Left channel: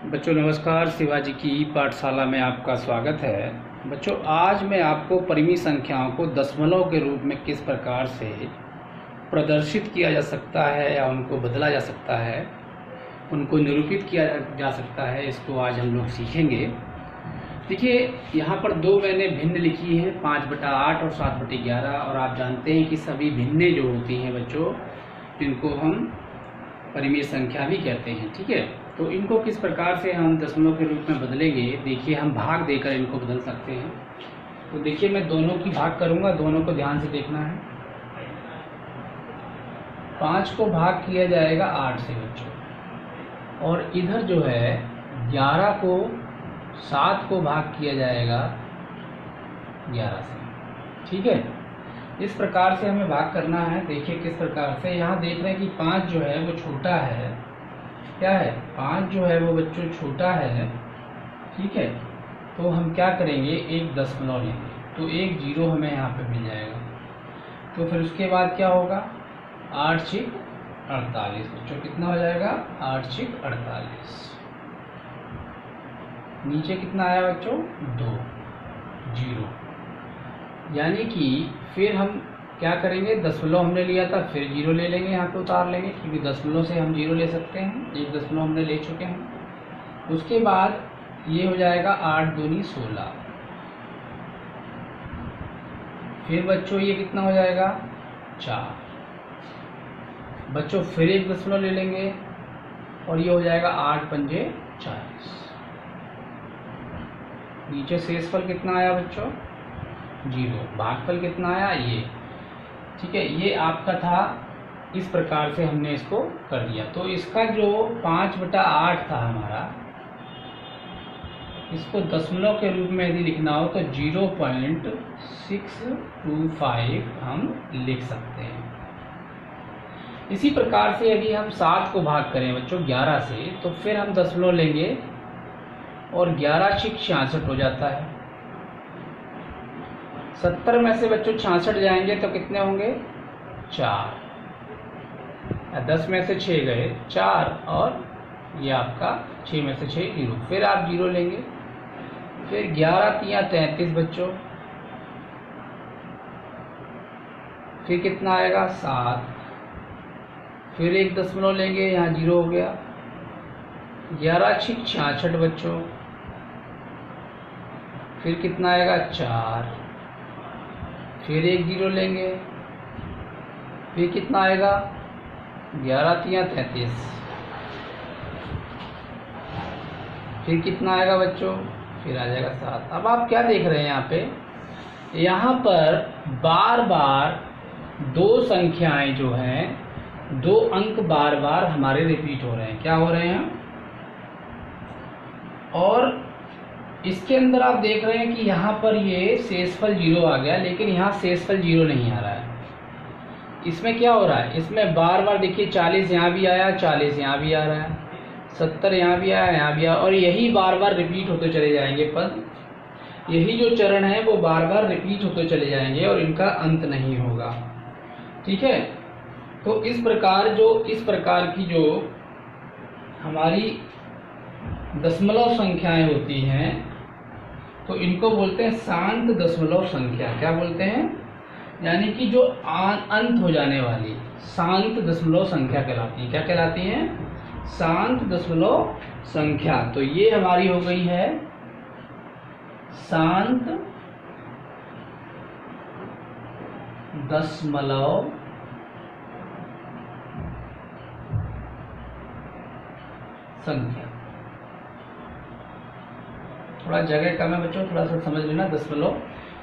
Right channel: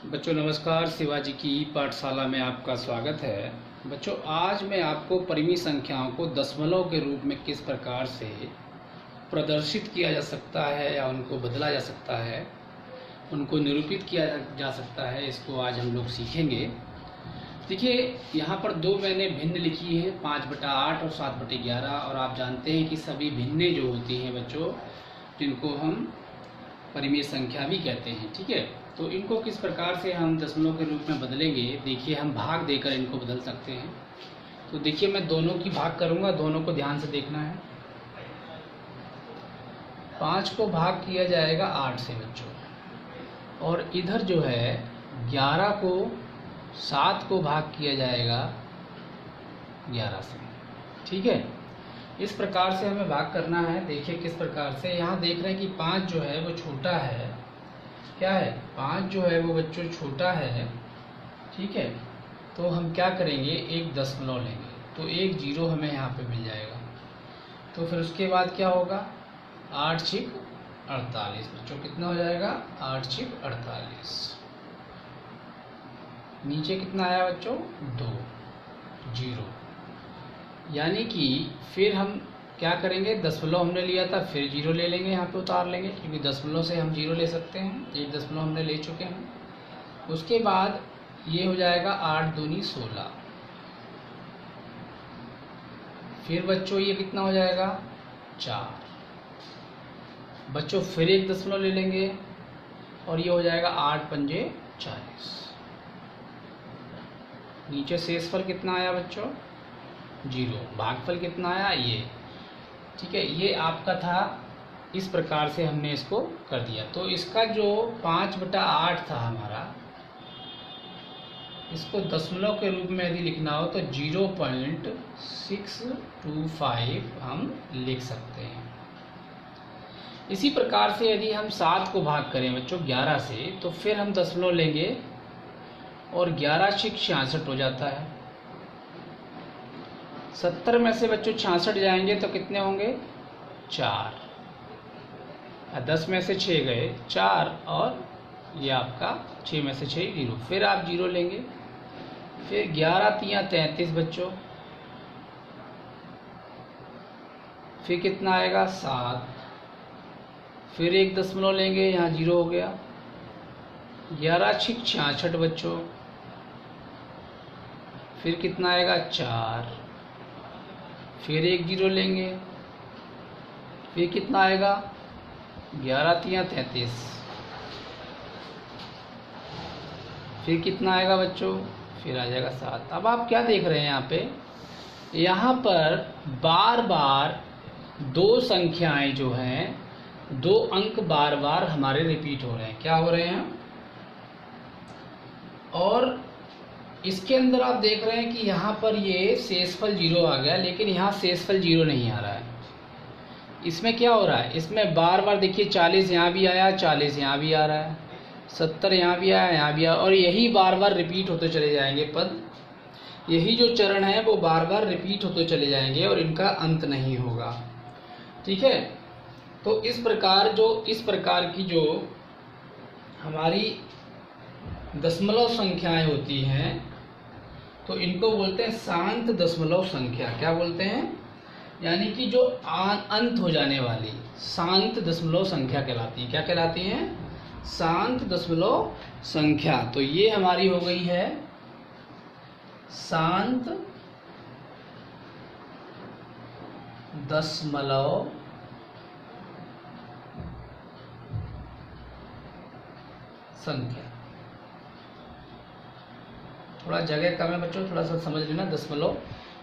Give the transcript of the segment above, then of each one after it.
बच्चों नमस्कार। शिवाजी की पाठशाला में आपका स्वागत है। बच्चों आज मैं आपको परिमेय संख्याओं को दशमलव के रूप में किस प्रकार से प्रदर्शित किया जा सकता है या उनको बदला जा सकता है, उनको निरूपित किया जा सकता है, इसको आज हम लोग सीखेंगे। देखिए यहाँ पर दो मैंने भिन्न लिखी है, 5/8 और 7/11। और आप जानते हैं कि सभी भिन्नें जो होती हैं बच्चों, जिनको हम परिमेय संख्या भी कहते हैं। ठीक है, तो इनको किस प्रकार से हम दशमलव के रूप में बदलेंगे, देखिए हम भाग देकर इनको बदल सकते हैं। तो देखिए मैं दोनों की भाग करूंगा, दोनों को ध्यान से देखना है। 5 को भाग किया जाएगा 8 से बच्चों, और इधर जो है 11 को 7 को भाग किया जाएगा 11 से। ठीक है, इस प्रकार से हमें भाग करना है। देखिए किस प्रकार से, यहाँ देख रहे हैं कि 5 जो है वो छोटा है। क्या है, 5 जो है वो बच्चों छोटा है। ठीक है, तो हम क्या करेंगे, एक दशमलव लेंगे तो एक जीरो हमें यहाँ पे मिल जाएगा। तो फिर उसके बाद क्या होगा, 8 छिक 48 बच्चों, कितना हो जाएगा 8 छिक 48। नीचे कितना आया बच्चों, 2 जीरो। यानी कि फिर हम क्या करेंगे, दशमलव हमने लिया था, फिर जीरो ले लेंगे, यहाँ पे उतार लेंगे, क्योंकि दशमलव से हम जीरो ले सकते हैं। एक दशमलव हमने ले चुके हैं। उसके बाद ये हो जाएगा 8 दूनी 16। फिर बच्चों ये कितना हो जाएगा 4 बच्चों। फिर एक दशमलव ले लेंगे और ये हो जाएगा 8 पंजे 40। नीचे शेषफल कितना आया बच्चों, जीरो। भागफल कितना आया, ये। ठीक है, ये आपका था। इस प्रकार से हमने इसको कर दिया। तो इसका जो 5/8 था हमारा, इसको दशमलव के रूप में यदि लिखना हो तो 0.625 हम लिख सकते हैं। इसी प्रकार से यदि हम 7 को भाग करें बच्चों 11 से, तो फिर हम दशमलव लेंगे और 11 छिक 66 हो जाता है। 70 में से बच्चों 66 जाएंगे तो कितने होंगे, 4। 10 में से 6 गए 4, और ये आपका 6 में से 6 जीरो। फिर आप जीरो लेंगे, फिर 11 तिया 33 बच्चों। फिर कितना आएगा 7। फिर एक दशमलव लेंगे, यहाँ जीरो हो गया। 11 छिक 66 बच्चों। फिर कितना आएगा 4। फिर एक जीरो लेंगे, फिर कितना आएगा 11 तिया 33। फिर कितना आएगा बच्चों, फिर आ जाएगा 7। अब आप क्या देख रहे हैं यहाँ पे, यहाँ पर बार बार दो संख्याएं जो हैं, दो अंक बार बार हमारे रिपीट हो रहे हैं। क्या हो रहे हैं, और इसके अंदर आप देख रहे हैं कि यहाँ पर ये शेषफल जीरो आ गया, लेकिन यहाँ शेषफल जीरो नहीं आ रहा है। इसमें क्या हो रहा है, इसमें बार बार देखिए 40 यहाँ भी आया, 40 यहाँ भी आ रहा है, 70 यहाँ भी आया, यहाँ भी आया, और यही बार बार रिपीट होते चले जाएंगे पद। यही जो चरण है वो बार बार रिपीट होते चले जाएंगे और इनका अंत नहीं होगा। ठीक है, तो इस प्रकार की जो हमारी दशमलव संख्याएं होती हैं, तो इनको बोलते हैं शांत दशमलव संख्या। क्या बोलते हैं, यानी कि जो अंत हो जाने वाली शांत दशमलव संख्या कहलाती है। क्या कहलाती हैं, शांत दशमलव संख्या। तो ये हमारी हो गई है शांत दशमलव संख्या। थोड़ा जगह कम है बच्चों, थोड़ा सा समझ लेना। दशमलव,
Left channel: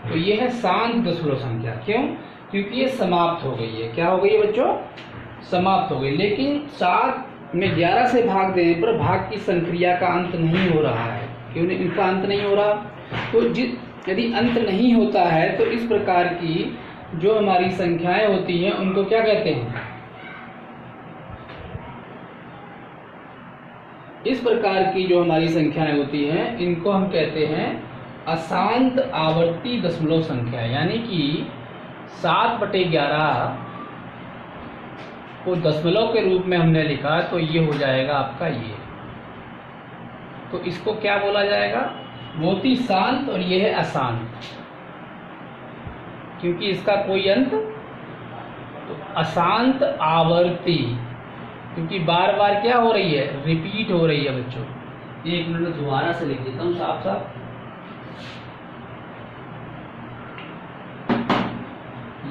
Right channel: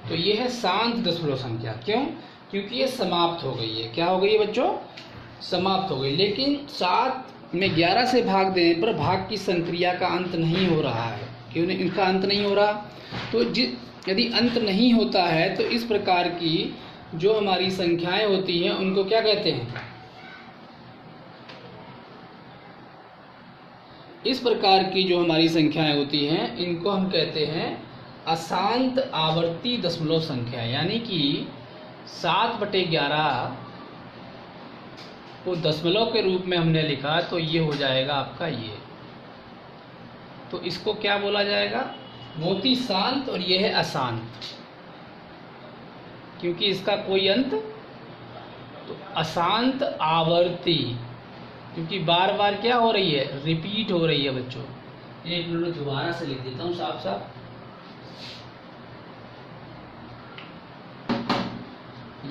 तो ये है शांत दशमलव संख्या। क्यों, क्योंकि ये समाप्त हो गई है। क्या हो गई है बच्चों, समाप्त हो गई। लेकिन 7 में 11 से भाग देने पर भाग की संक्रिया का अंत नहीं हो रहा है। क्यों इनका अंत नहीं हो रहा, तो यदि अंत नहीं होता है तो इस प्रकार की जो हमारी संख्याएं होती हैं उनको क्या कहते हैं, इस प्रकार की जो हमारी संख्याएं होती हैं इनको हम कहते हैं अशांत आवर्ती दशमलव संख्या। यानी कि 7/11 को दशमलव के रूप में हमने लिखा, तो ये हो जाएगा आपका ये तो इसको क्या बोला जाएगा? बहुत ही शांत, और ये है अशांत, क्योंकि इसका कोई अंत। तो अशांत आवर्ती, क्योंकि बार बार क्या हो रही है? रिपीट हो रही है बच्चों। एक मिनट दोबारा से लिख देता हूँ साफ साफ।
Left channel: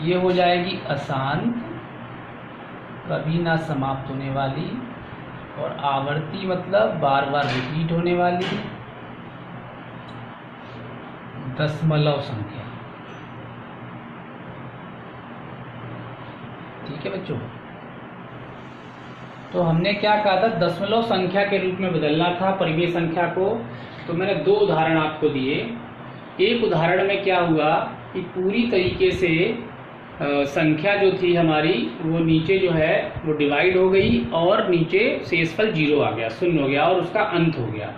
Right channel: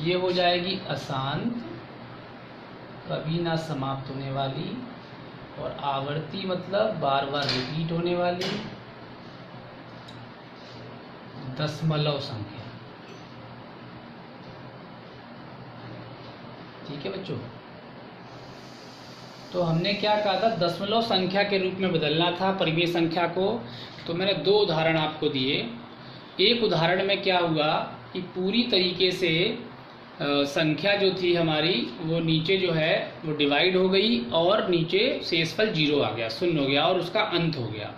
ये हो जाएगी अशांत, कभी ना समाप्त होने वाली, और आवर्ती मतलब बार बार रिपीट होने वाली दशमलव संख्या। ठीक है बच्चों, तो हमने क्या कहा था? दशमलव संख्या के रूप में बदलना था परिमेय संख्या को। तो मैंने दो उदाहरण आपको दिए। एक उदाहरण में क्या हुआ कि पूरी तरीके से संख्या जो थी हमारी वो नीचे जो है वो डिवाइड हो गई, और नीचे शेषफल 0 आ गया, शून्य हो गया, और उसका अंत हो गया।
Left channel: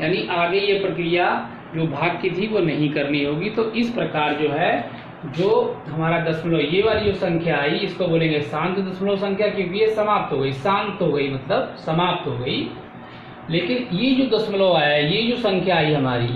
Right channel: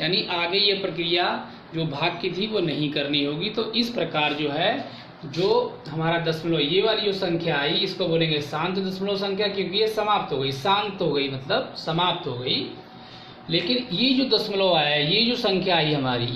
यानी आगे ये प्रक्रिया जो भाग की थी वो नहीं करनी होगी। तो इस प्रकार जो है, जो हमारा दशमलव, ये वाली जो संख्या आई, इसको बोलेंगे शांत दशमलव संख्या, क्योंकि ये समाप्त हो गई। शांत हो गई मतलब समाप्त हो गई। लेकिन ये जो दशमलव आया, ये जो संख्या आई हमारी,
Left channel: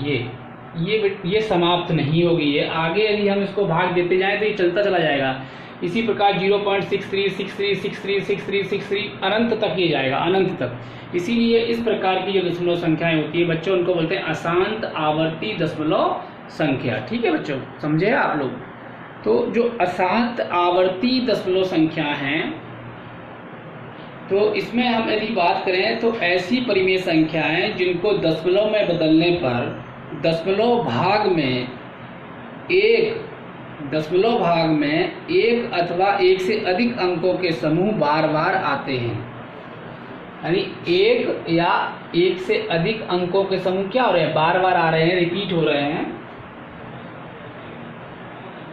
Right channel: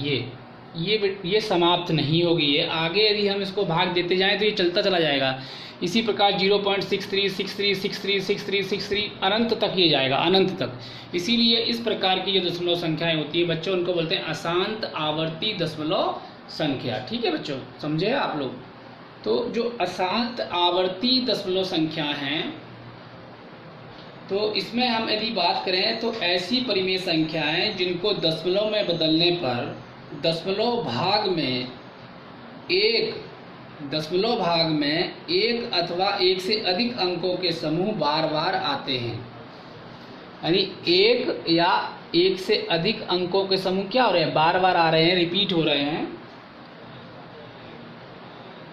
ये समाप्त नहीं होगी। ये आगे यदि हम इसको भाग देते जाएं तो ये चलता चला जाएगा। इसी प्रकार 0.63, 63, 63, 63, 63 अनंत तक ये जाएगा, अनंत तक। इसीलिए इस प्रकार की जो दशमलव संख्याएं होती है बच्चों, उनको बोलते हैं अशांत आवर्ती दशमलव संख्या। ठीक है बच्चों, समझे आप लोग? तो जो अशांत आवर्ती दशमलव संख्या हैं, तो इसमें हम यदि बात करें तो ऐसी परिमेय संख्याएं जिनको दशमलव में बदलने पर दशमलव भाग में एक अथवा एक से अधिक अंकों के समूह बार बार आते हैं। यानी एक या एक से अधिक अंकों के समूह क्या हो रहे हैं? बार बार आ रहे हैं, रिपीट हो रहे हैं।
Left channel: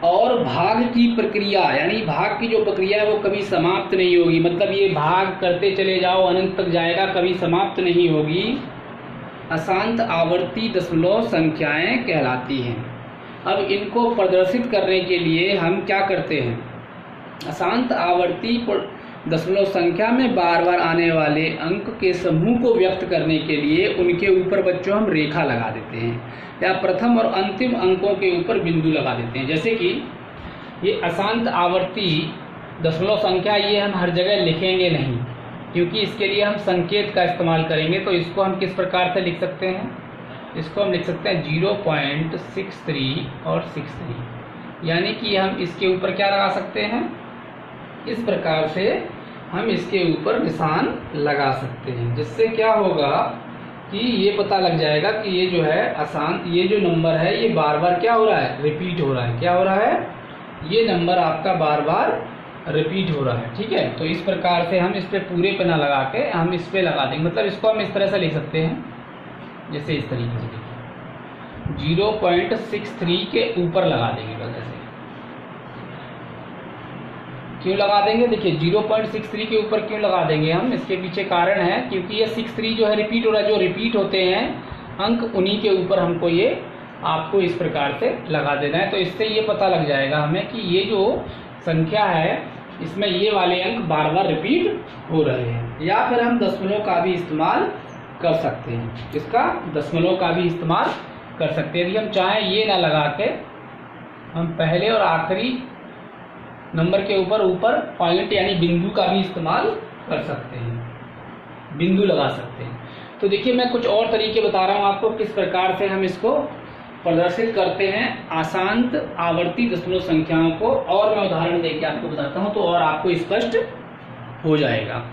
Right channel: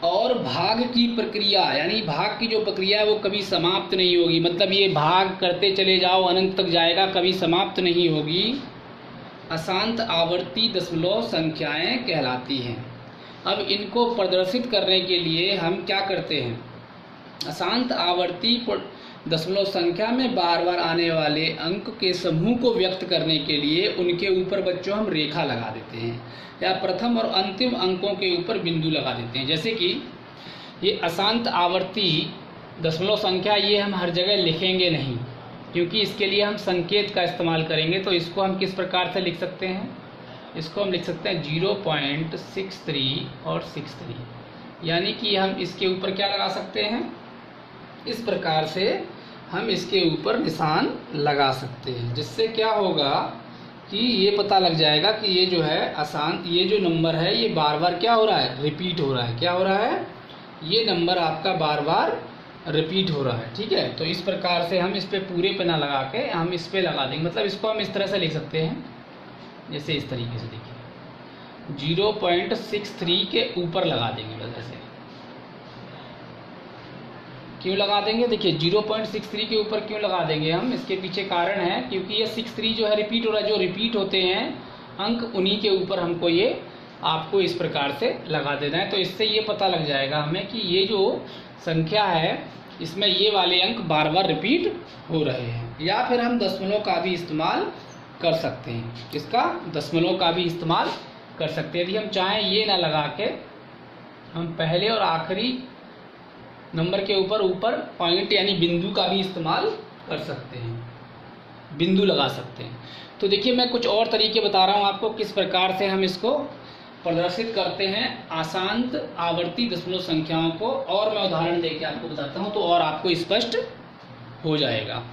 और भाग की प्रक्रिया, यानी भाग की जो प्रक्रिया है वो कभी समाप्त नहीं होगी। मतलब ये भाग करते चले जाओ, अनंत तक जाएगा, कभी समाप्त नहीं होगी। अशांत आवर्ती दशमलव संख्याएं कहलाती हैं। अब इनको प्रदर्शित करने के लिए हम क्या करते हैं? अशांत आवर्ती दशमलव संख्या में बार बार आने वाले अंक के समूह को व्यक्त करने के लिए उनके ऊपर बच्चों हम रेखा लगा देते हैं, या प्रथम और अंतिम अंकों के ऊपर बिंदु लगा देते हैं। जैसे कि ये अशांत आवर्ती दशमलव संख्या, ये हम हर जगह लिखेंगे नहीं, क्योंकि इसके लिए हम संकेत का इस्तेमाल करेंगे। तो इसको हम किस प्रकार से लिख सकते हैं? इसको हम लिख सकते हैं 0.63 और 63, यानी कि हम इसके ऊपर क्या लगा सकते हैं? इस प्रकार से हम इसके ऊपर निशान लगा सकते हैं, जिससे क्या होगा कि ये पता लग जाएगा कि ये जो है अशांत, ये जो नंबर है ये बार बार क्या हो रहा है? रिपीट हो रहा है। क्या हो रहा है? ये नंबर आपका बार बार रिपीट हो रहा है। ठीक है, तो इस प्रकार से हम इस पे पूरे पे ना लगा के हम इस पे लगा देंगे। मतलब इसको हम इस तरह से लिख सकते हैं, जैसे इस तरीके से देखिए, 0.63 के ऊपर लगा देंगे। बस ऐसे क्यों लगा देंगे? देखिए 0.63 के ऊपर क्यों लगा देंगे हम, इसके पीछे कारण है, क्योंकि ये 63 जो है रिपीट हो रहा है। जो रिपीट होते हैं अंक, उन्हीं के ऊपर हमको ये आपको इस प्रकार से लगा देना है। तो इससे ये पता लग जाएगा हमें कि ये जो संख्या है इसमें ये वाले अंक बार बार रिपीट हो रहे हैं। या फिर हम दशमलव का भी इस्तेमाल कर सकते हैं, इसका दशमलव का भी इस्तेमाल कर सकते हैं। यदि हम चाहें ये ना लगा के हम पहले और आखिरी नंबर के ऊपर पॉइंट यानी बिंदु का भी इस्तेमाल कर सकते हैं, बिंदु लगा सकते हैं। तो देखिए मैं कुछ और तरीके बता रहा हूँ आपको किस प्रकार से हम इसको प्रदर्शित करते हैं अशांत आवर्ती दशमलव संख्याओं को, और मैं उदाहरण देके आपको बताता हूँ तो और आपको स्पष्ट हो जाएगा।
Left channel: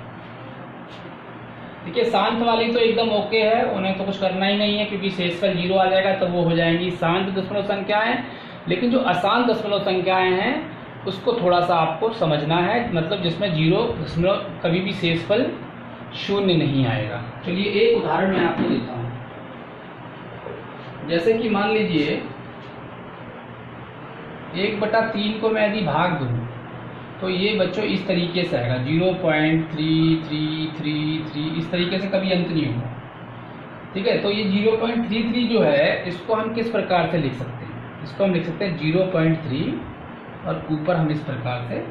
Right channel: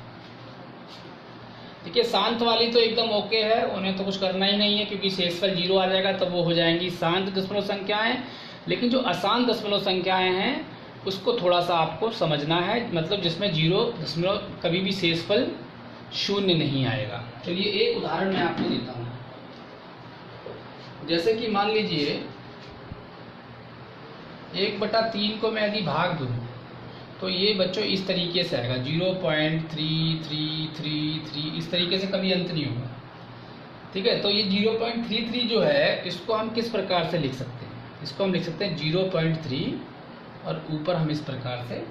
देखिए शांत वाली तो एकदम ओके है, उन्हें तो कुछ करना ही नहीं है, क्योंकि शेषफल 0 आ जाएगा तब वो हो जाएंगी शांत दशमलव संख्याएं। लेकिन जो अशांत दशमलव संख्याएं हैं उसको थोड़ा सा आपको समझना है, मतलब जिसमें 0 दशमलव कभी भी शेषफल 0 नहीं आएगा। चलिए एक उदाहरण मैं आपको देता हूँ। जैसे कि मान लीजिए 1/3 को मैं यदि भाग दूँ तो ये बच्चों इस तरीके से आएगा 0.3333, इस तरीके से कभी अंत नहीं होगा। ठीक है, तो ये 0.33 जो है इसको हम किस प्रकार से लिख सकते हैं? इसको हम लिख सकते हैं 0.3 और ऊपर हम इस प्रकार से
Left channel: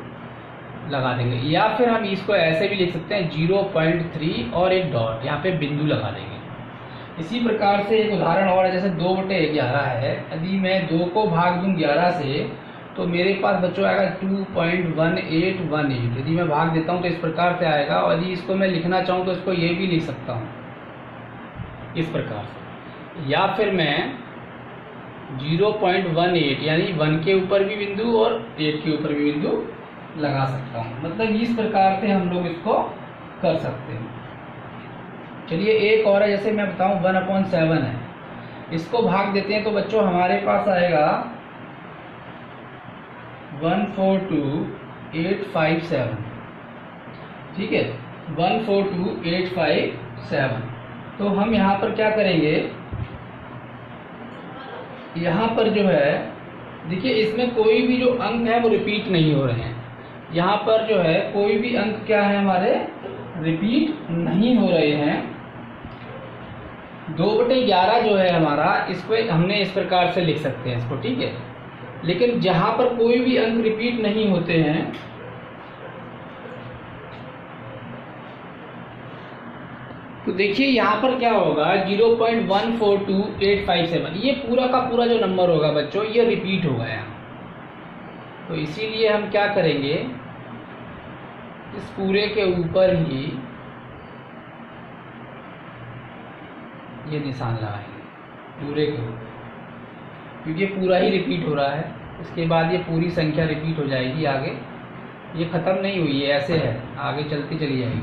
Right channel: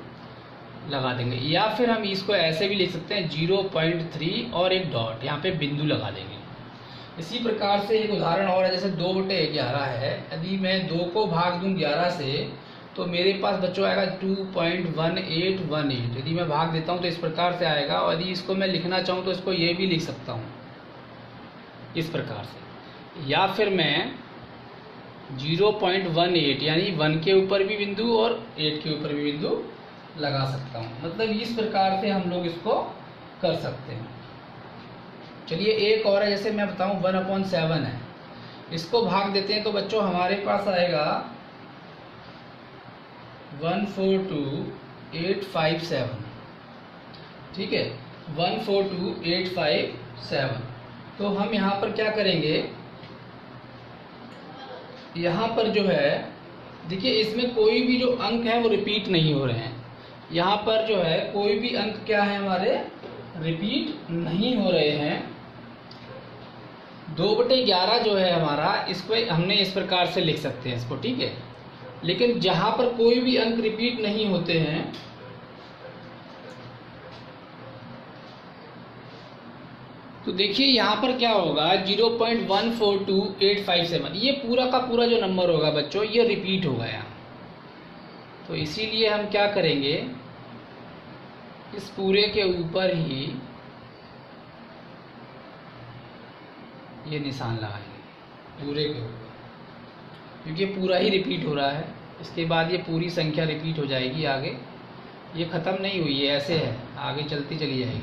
लगा देंगे, या फिर हम इसको ऐसे भी लिख सकते हैं 0.3 और एक डॉट, यहाँ पे बिंदु लगा देंगे। इसी प्रकार से एक उदाहरण और है, जैसे 2/11 है। यदि मैं 2 को भाग दूं 11 से तो मेरे पास बच्चों आएगा 2.1818। यदि मैं भाग देता हूं तो इस प्रकार से आएगा, और यदि इसको मैं लिखना चाहूं तो इसको ये भी लिख सकता हूं इस प्रकार से, या फिर मैं 0.18 यानी 1 के ऊपर भी बिंदु और 8 के ऊपर भी बिंदु लगा सकता हूं। मतलब इस प्रकार से हम लोग इसको कर सकते हैं। चलिए एक और है, जैसे मैं बताऊं 1/7 है, इसको भाग देते हैं तो बच्चों हमारे पास आएगा 142857। ठीक है, 142857। तो हम यहाँ पर क्या करेंगे, यहाँ पर जो है देखिए इसमें कोई भी जो अंक है वो रिपीट नहीं हो रहे हैं। यहाँ पर जो है कोई भी अंक क्या है हमारे रिपीट नहीं हो रहे हैं। 2/11 जो है हमारा, इसको हमने इस प्रकार से लिख सकते हैं इसको, ठीक है। लेकिन जहां पर कोई भी अंक रिपीट नहीं होते हैं तो देखिए यहाँ पर क्या होगा 0.142857, ये पूरा का पूरा जो नंबर होगा बच्चों ये रिपीट होगा यहाँ। तो इसीलिए हम क्या करेंगे, इस पूरे के ऊपर ही ये निशान लगाएंगे पूरे को, क्योंकि पूरा ही रिपीट हो रहा है। इसके बाद ये पूरी संख्या रिपीट हो जाएगी आगे, ये ख़त्म नहीं हुई है, ऐसे है आगे चलती चली जाएगी।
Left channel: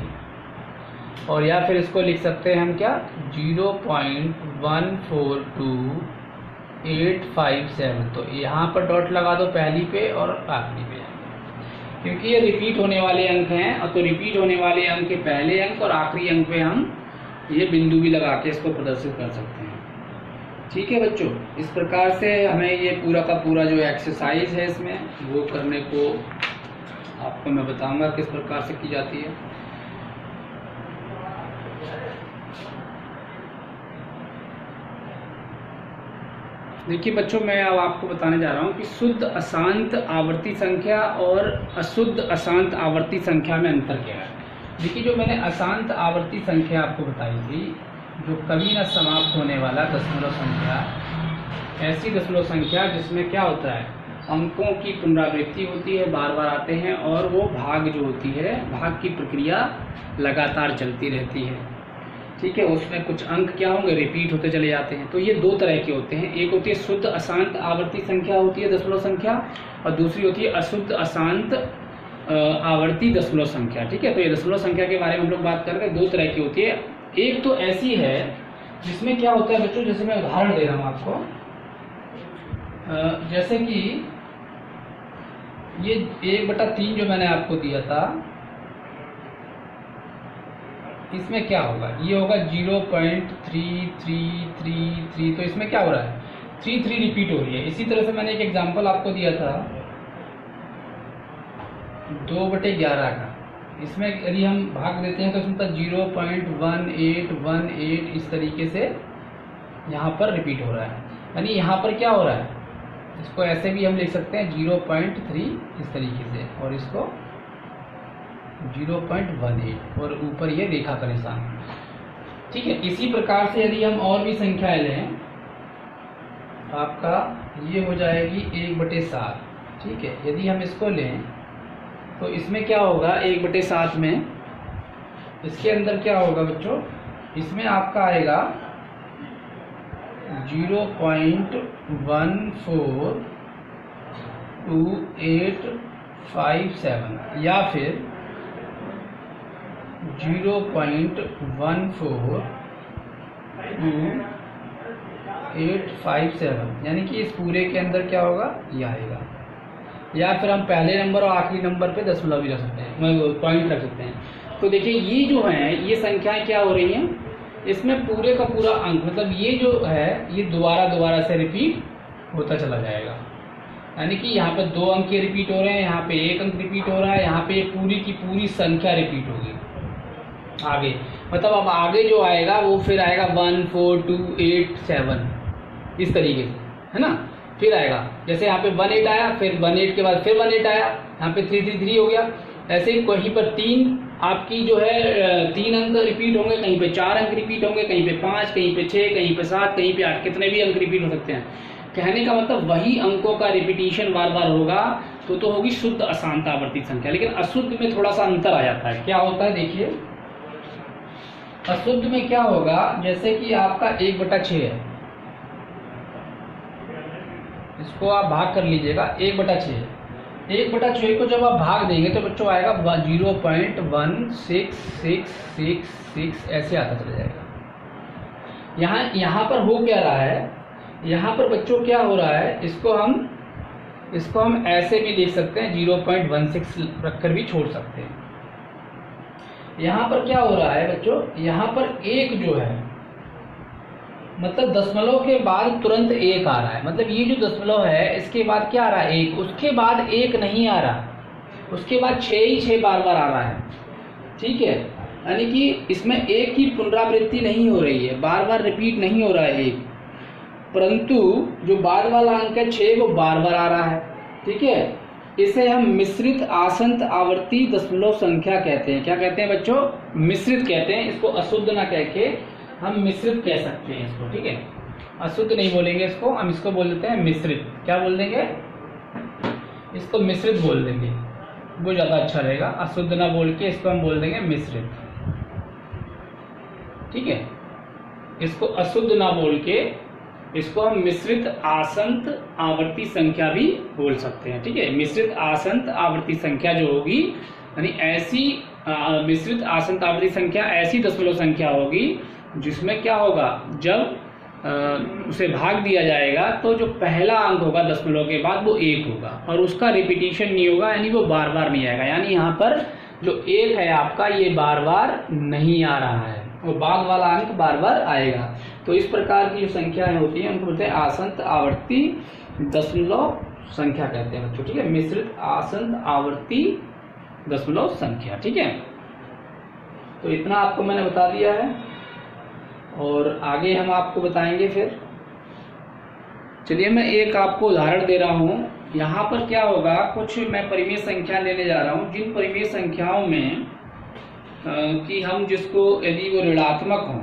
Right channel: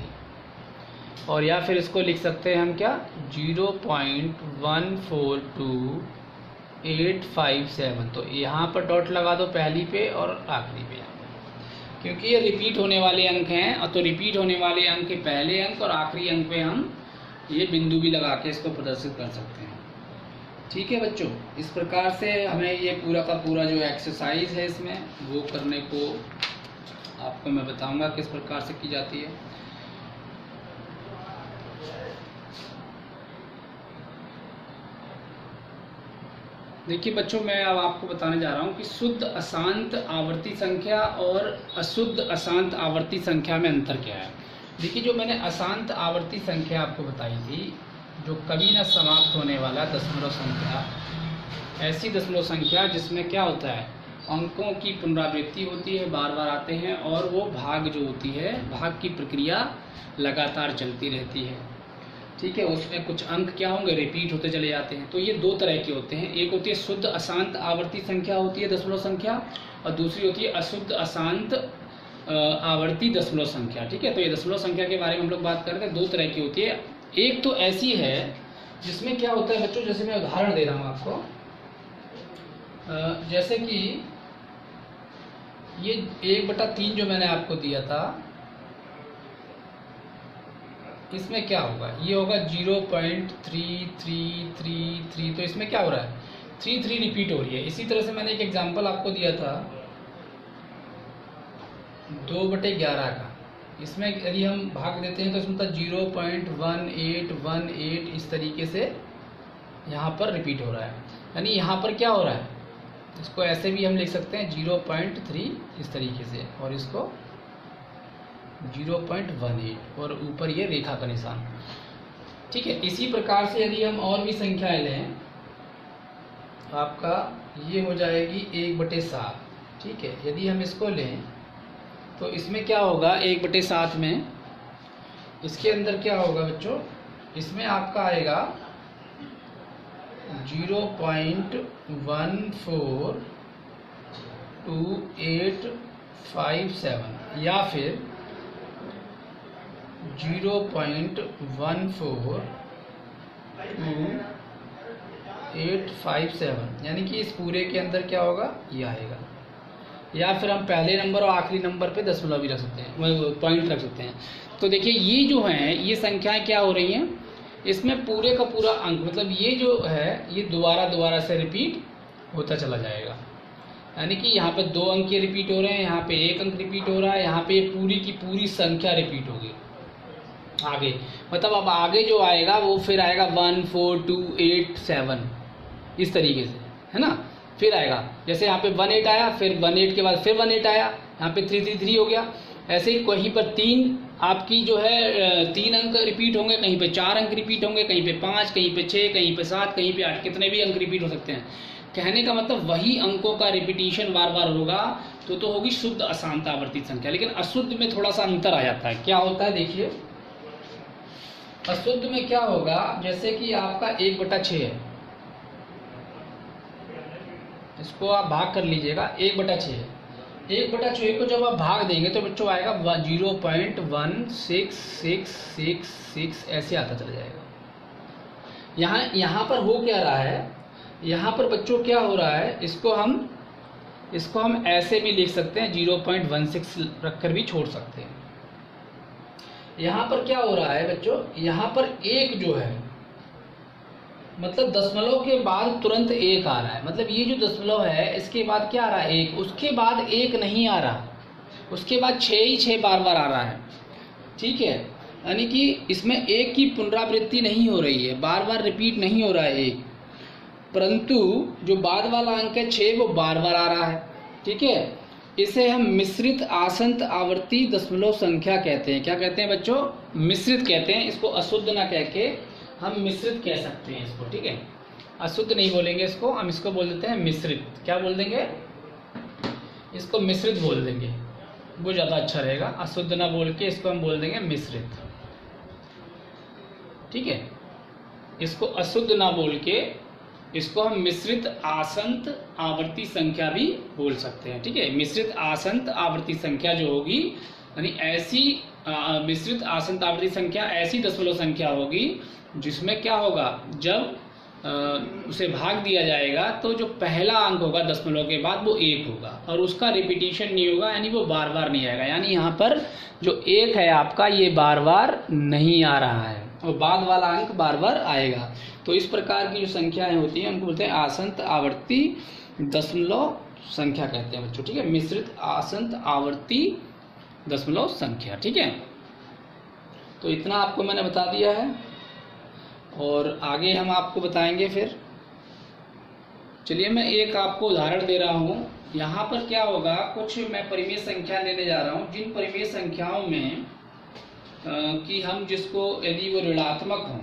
और या फिर इसको लिख सकते हैं हम क्या 0.142857। तो यहाँ पर डॉट लगा दो पहली पे और आखिरी पे, क्योंकि ये रिपीट होने वाले अंक हैं। और तो रिपीट होने वाले अंक के पहले अंक और आखिरी अंक पे हम ये बिंदु भी लगा के इसको प्रदर्शित कर सकते हैं। ठीक है बच्चों, इस प्रकार से हमें ये पूरा का पूरा जो एक्सरसाइज है इसमें वो करने को आपको मैं बताऊंगा किस प्रकार से की जाती है। देखिए बच्चों, मैं अब आपको बताने जा रहा हूँ कि शुद्ध अशांत आवर्ती संख्या और अशुद्ध अशांत आवर्ती संख्या में अंतर क्या है। देखिए, जो मैंने अशांत आवर्ती संख्या आपको बताई थी, जो कभी न समाप्त होने वाला दशमलव संख्या, ऐसी दशमलव संख्या जिसमें क्या होता है, अंकों की पुनरावृत्ति होती है, बार बार आते हैं, और वो भाग जो होती है, भाग की प्रक्रिया लगातार चलती रहती है। ठीक है, उसमें कुछ अंक क्या होंगे, रिपीट होते चले जाते हैं। तो ये दो तरह के होते हैं, एक होती है शुद्ध अशांत आवर्ती संख्या होती है दशमलव संख्या, और दूसरी होती है अशुद्ध अशांत आवर्ती दशमलव संख्या। ठीक है, तो ये दशमलव संख्या के बारे में हम लोग बात कर रहे हैं, दो तरह की होती है। एक तो ऐसी है जिसमें क्या होता है बच्चों, जैसे मैं उदाहरण दे रहा हूँ आपको, जैसे कि ये 1/3 जो मैंने आपको दिया था, इसमें क्या होगा, ये होगा 0.3333। तो इसमें क्या हो रहा है, 3 रिपीट हो रही है। इसी तरह से मैंने एक एग्जांपल आपको दिया था 2/11 का, इसमें यदि हम भाग देते हैं तो इसमें 0.1818 इस तरीके से यहाँ पर रिपीट हो रहा है। यानी यहाँ पर क्या हो रहा है, इसको ऐसे भी हम लिख सकते हैं 0.3 इस तरीके से, और इसको 0.18 और ऊपर ये रेखा का निशान। ठीक है, इसी प्रकार से यदि हम और भी संख्याएं लें, आपका ये हो जाएगी 1/7। ठीक है, यदि हम इसको लें तो इसमें क्या होगा, 1/7 में इसके अंदर क्या होगा बच्चों, इसमें आपका आएगा 0.142857 या फिर 0.142857, यानी कि इस पूरे के अंदर क्या होगा, ये आएगा। या फिर हम पहले नंबर और आखिरी नंबर पे दशमलव भी रख सकते हैं, पॉइंट रख सकते हैं। तो देखिए ये जो है, ये संख्याएं क्या हो रही हैं, इसमें पूरे का पूरा अंक, मतलब ये जो है ये दोबारा से रिपीट होता चला जाएगा। यानी कि यहाँ पे 2 अंक रिपीट हो रहे हैं, यहाँ पे 1 अंक रिपीट हो रहा है, यहाँ पे पूरी की पूरी संख्या रिपीट होगी आगे। मतलब अब आगे जो आएगा वो फिर आएगा 14287 इस तरीके से, है ना। फिर आएगा, जैसे यहाँ पे 18 आया, फिर 18 के बाद फिर 18 आया, यहाँ पे 333 हो गया। ऐसे ही कहीं पर 3 आपकी जो है 3 अंक रिपीट होंगे, कहीं पे 4 अंक रिपीट होंगे, कहीं पे 5, कहीं पे 6, कहीं पे 7, कहीं पे 8, कितने भी अंक रिपीट हो सकते हैं। कहने का मतलब वही अंकों का रिपीटिशन बार बार होगा तो होगी शुद्ध अशांत आवर्ती संख्या। लेकिन अशुद्ध में थोड़ा सा अंतर आ जाता है। क्या होता है देखिए, अशुद्ध में क्या होगा, जैसे कि आपका 1/6 है, इसको आप भाग कर लीजिएगा, 1/6 है। 1/6 को जब आप भाग देंगे तो बच्चों आएगा 0.16666 ऐसे आता चला जाएगा। यहाँ पर हो क्या रहा है, यहाँ पर बच्चों क्या हो रहा है, इसको हम ऐसे भी लिख सकते हैं, 0.16 रखकर भी छोड़ सकते हैं। यहाँ पर क्या हो रहा है बच्चों, यहाँ पर 1 जो है मतलब दशमलव के बाद तुरंत 1 आ रहा है, मतलब ये जो दशमलव है इसके बाद क्या आ रहा है 1, उसके बाद 1 नहीं आ रहा, उसके बाद 6 ही 6 बार बार आ रहा है। ठीक है, यानी कि इसमें 1 की पुनरावृत्ति नहीं हो रही है, बार बार रिपीट नहीं हो रहा है 1, परंतु जो बाद वाला अंक है 6 वो बार बार आ रहा है। ठीक है, इसे हम मिश्रित आसंत आवर्ती दशमलव संख्या कहते हैं। क्या कहते हैं बच्चों, मिश्रित कहते हैं इसको, अशुद्ध ना कह के हम मिश्रित कह सकते हैं इसको। ठीक है, अशुद्ध नहीं बोलेंगे इसको, हम इसको बोल देते हैं मिश्रित। क्या बोल देंगे, इसको मिश्रित बोल देंगे, वो ज़्यादा अच्छा रहेगा। अशुद्ध ना बोल के इसको हम बोल देंगे मिश्रित। ठीक है, इसको अशुद्ध ना बोल के इसको हम मिश्रित आसंत आवर्ती संख्या भी बोल सकते हैं। ठीक है, मिश्रित आसंत आवर्ती संख्या जो होगी, यानी ऐसी मिश्रित आसंत आवर्ती संख्या ऐसी दशमलव संख्या होगी जिसमें क्या होगा, जब उसे भाग दिया जाएगा तो जो पहला अंक होगा दशमलव के बाद वो 1 होगा और उसका रिपीटिशन नहीं होगा, यानी वो बार बार नहीं आएगा। यानी यहाँ पर जो 1 है आपका ये बार बार नहीं आ रहा है, वो बाद वाला अंक बार बार आएगा। तो इस प्रकार की जो संख्याएं होती हैं उनको बोलते हैं आसंत आवर्ती दशमलव संख्या कहते हैं बच्चों। ठीक है, मिश्रित आसंत आवर्ती दशमलव संख्या। ठीक है, तो इतना आपको मैंने बता दिया है और आगे हम आपको बताएंगे फिर। चलिए मैं एक आपको उदाहरण दे रहा हूँ। यहाँ पर क्या होगा, कुछ मैं परिमेय संख्या लेने जा रहा हूँ, जिन परिमेय संख्याओं में कि हम जिसको यदि वो ऋणात्मक हों,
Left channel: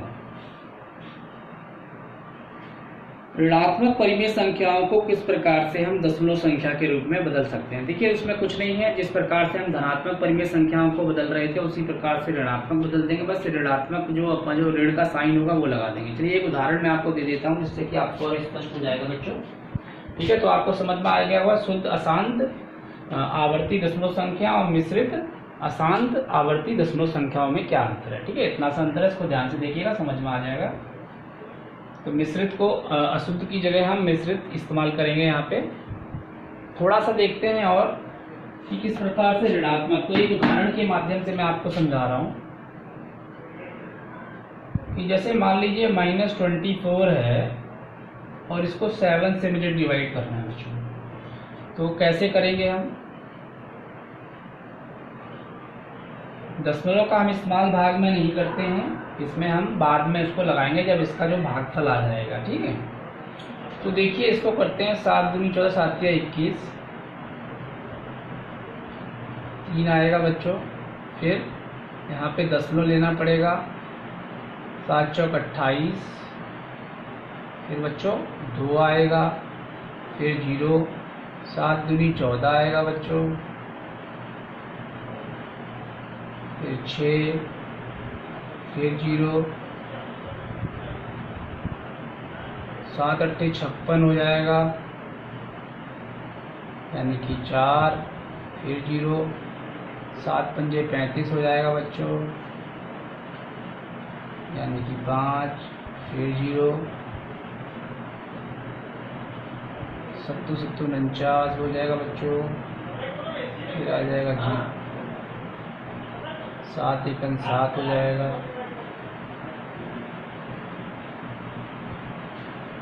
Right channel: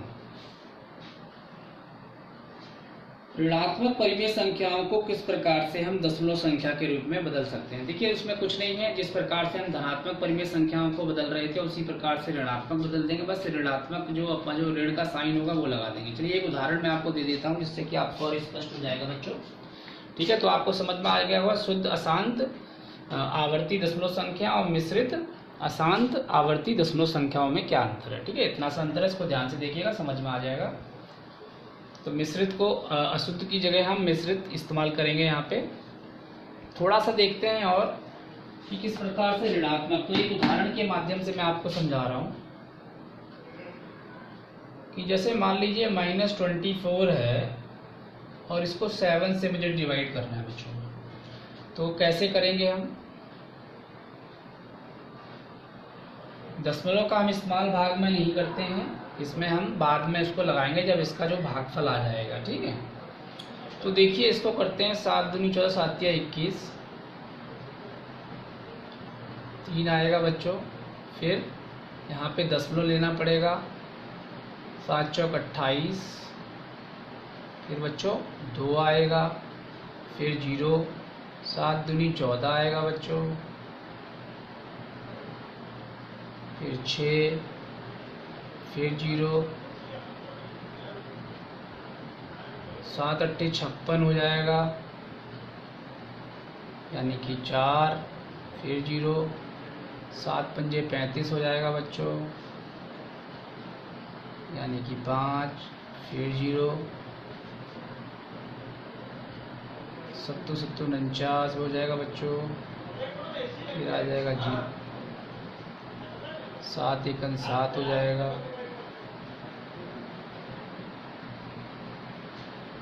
ऋणात्मक परिमेय संख्याओं को किस प्रकार से हम दशमलव संख्या के रूप में बदल सकते हैं। देखिए इसमें कुछ नहीं है, जिस प्रकार से हम धनात्मक परिमेय संख्याओं को बदल रहे थे उसी प्रकार से ऋणात्मक बदल देंगे, बस ऋणात्मक जो अपना जो ऋण का साइन होगा वो लगा देंगे। चलिए एक उदाहरण मैं आपको दे देता हूँ जिससे कि आपको और स्पष्ट हो जाएगा बच्चों। ठीक है, तो आपको समझ में आ गया होगा शुद्ध अशांत आवर्ती दशमलव संख्या और मिश्रित अशांत आवर्ती दशमलव संख्याओं में क्या अंतर है। ठीक है, इतना सा अंतर है, इसको ध्यान से देखिएगा, समझ में आ जाएगा। तो मिश्रित को अशुद्ध की जगह हम मिश्रित इस्तेमाल करेंगे। यहाँ पे थोड़ा सा देखते हैं और कि किस प्रकार से ऋणात्मक, तो एक उदाहरण के माध्यम से मैं आपको समझा रहा हूँ कि जैसे मान लीजिए -24 है और इसको 7 से मुझे डिवाइड करना है बच्चों, तो कैसे करेंगे हम, दशमलव का हम इस्तेमाल भाग में नहीं करते हैं, इसमें हम बाद में इसको लगाएंगे जब इसका जो भागफल आ जाएगा। ठीक है, तो देखिए इसको करते हैं, 7 दूनी 14, 7 या 21, 3 आएगा बच्चों। फिर यहाँ पे दशमलव लेना पड़ेगा, 7 चौक 28, फिर बच्चों 2 आएगा, फिर 0, 7 दूनी 14 आएगा बच्चों, फिर 6, फिर 0, 7 8 56 हो जाएगा, यानी कि 4, फिर 0, 7 पंजे 35 हो जाएगा बच्चों, यानी कि 5, फिर 0, 7 7 49 हो जाएगा बच्चों, फिर आ जाएगा 7 1 7 हो जाएगा,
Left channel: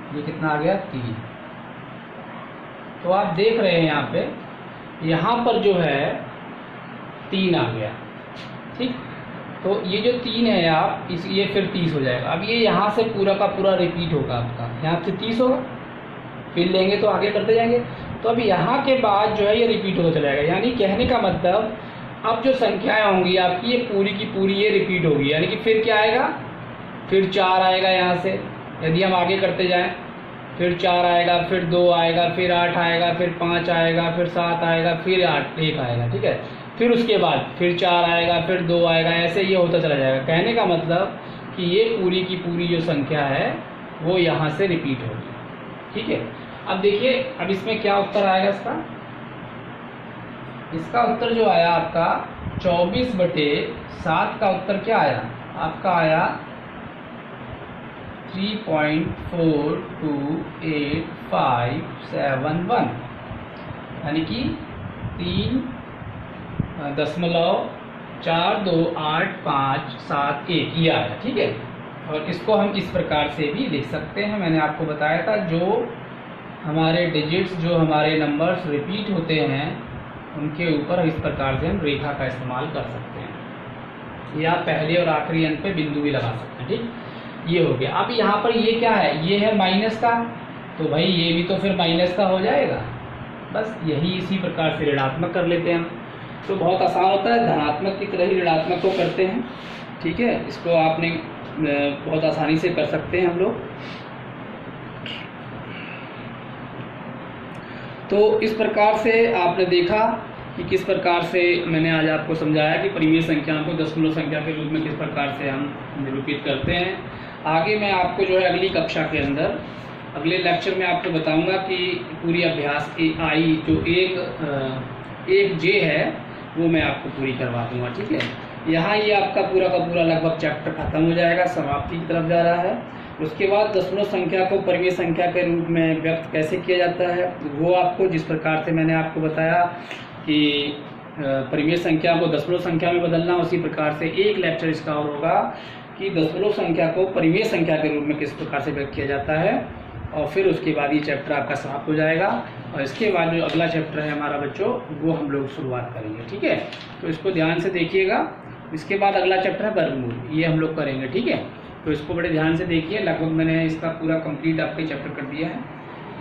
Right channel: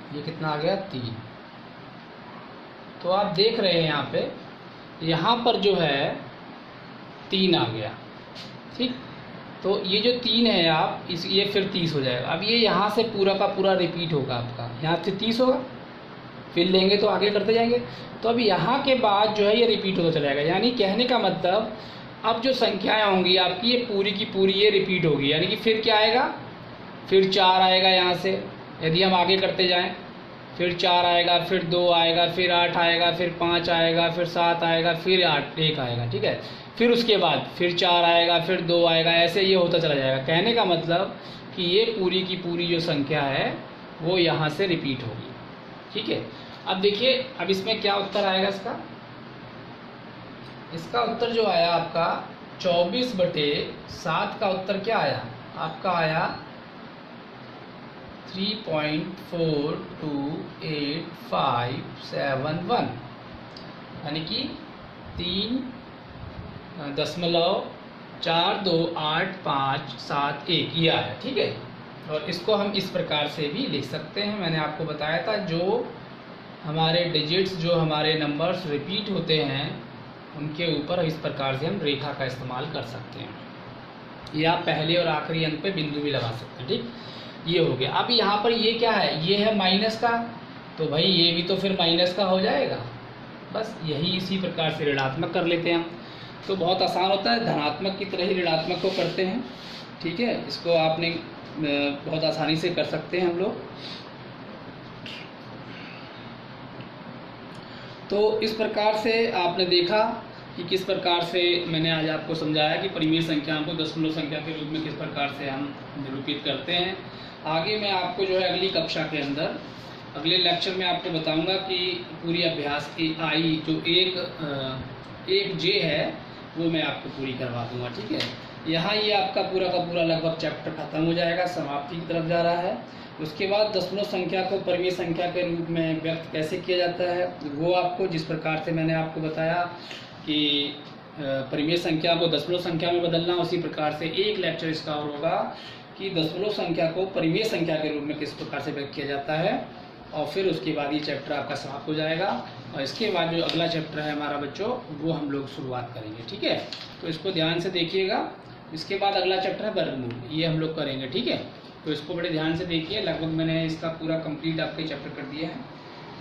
ये कितना आ गया 3। तो आप देख रहे हैं यहाँ पर जो है 3 आ गया। ठीक, तो ये जो 3 है आप ये फिर 30 हो जाएगा। अब ये यहाँ से पूरा का पूरा रिपीट होगा आपका, यहाँ से 30 होगा, फिर लेंगे तो आगे करते जाएंगे। तो अब यहाँ के बाद जो है ये रिपीट होता चला जाएगा। यानी कहने का मतलब अब जो संख्याएं होंगी आपकी ये पूरी की पूरी ये रिपीट होगी, यानी कि फिर क्या आएगा, फिर 4 आएगा यहाँ से, यदि हम आगे करते जाएं फिर 4 आएगा, फिर 2 आएगा, फिर 8 आएगा, फिर 5 आएगा, फिर 7 आएगा, फिर 1 आएगा, ठीक है। फिर उसके बाद फिर 4 आएगा, फिर 2 आएगा, ऐसे ये होता चला जाएगा। कहने का मतलब कि ये पूरी की पूरी जो संख्या है वो यहाँ से रिपीट होगी, ठीक है। अब देखिए, अब इसमें क्या उत्तर आएगा इसका उत्तर जो आया आपका 24/7 का उत्तर क्या आया आपका, आया 3.42871, यानी कि 3.42851 ये आया, ठीक है। और इसको हम इस प्रकार से भी लिख सकते हैं, मैंने आपको बताया था जो हमारे डिजिट्स, जो हमारे नंबर्स रिपीट होते हैं उनके ऊपर इस प्रकार से हम रेखा का इस्तेमाल कर सकते हैं, या पहले और आखिरी अंक पे बिंदु भी लगा सकते हैं, ठीक। ये हो गया। अब यहाँ पर ये क्या है, ये है माइनस का, तो भाई ये भी तो फिर माइनस का हो जाएगा, बस यही इसी प्रकार से ऋणात्मक कर लेते हैं हम। तो बहुत आसान होता है, धनात्मक की तरह ही ऋणात्मक को करते हैं, ठीक है। इसको आपने बहुत आसानी से कर सकते हैं हम लोग। तो इस प्रकार से आपने देखा कि किस प्रकार से मैंने आज आपको समझाया कि परिमेय संख्याओं को दशमलव संख्या के रूप में किस प्रकार से हम निरूपित करते हैं। आगे मैं आपको जो है अगली कक्षा के अंदर, अगले लेक्चर में आपको बताऊंगा कि पूरी अभ्यास की आई जो एक जे है वो मैं आपको पूरी करवा दूंगा, ठीक है। यहाँ ये आपका पूरा का पूरा लगभग चैप्टर खत्म हो जाएगा, समाप्ति की तरफ जा रहा है। उसके बाद दशमलव संख्या को परिमेय संख्या के रूप में व्यक्त कैसे किया जाता है वो आपको, जिस प्रकार से मैंने आपको बताया कि परिमेय संख्या को दशमलव संख्या में बदलना, उसी प्रकार से एक लेक्चर इसका और होगा कि दशमलव संख्या को परिमेय संख्या के रूप में किस प्रकार से व्यक्त किया जाता है। और फिर उसके बाद ये चैप्टर आपका समाप्त हो जाएगा, और इसके बाद जो अगला चैप्टर है हमारा बच्चों, वो हम लोग शुरुआत करेंगे, ठीक है। तो इसको ध्यान से देखिएगा। इसके बाद अगला चैप्टर है वर्गमूल, ये हम लोग करेंगे, ठीक है। तो इसको बड़े ध्यान से देखिए, लगभग मैंने इसका पूरा कंप्लीट आपके चैप्टर कर दिया है।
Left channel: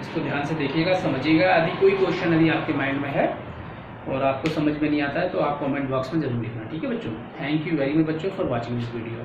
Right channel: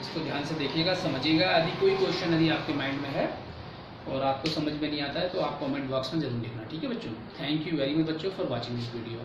इसको ध्यान से देखिएगा, समझिएगा। यदि कोई क्वेश्चन यदि आपके माइंड में है और आपको समझ में नहीं आता है तो आप कमेंट बॉक्स में जरूर लिखना, ठीक है बच्चों। थैंक यू वेरी मच बच्चों फॉर वॉचिंग दिस वीडियो।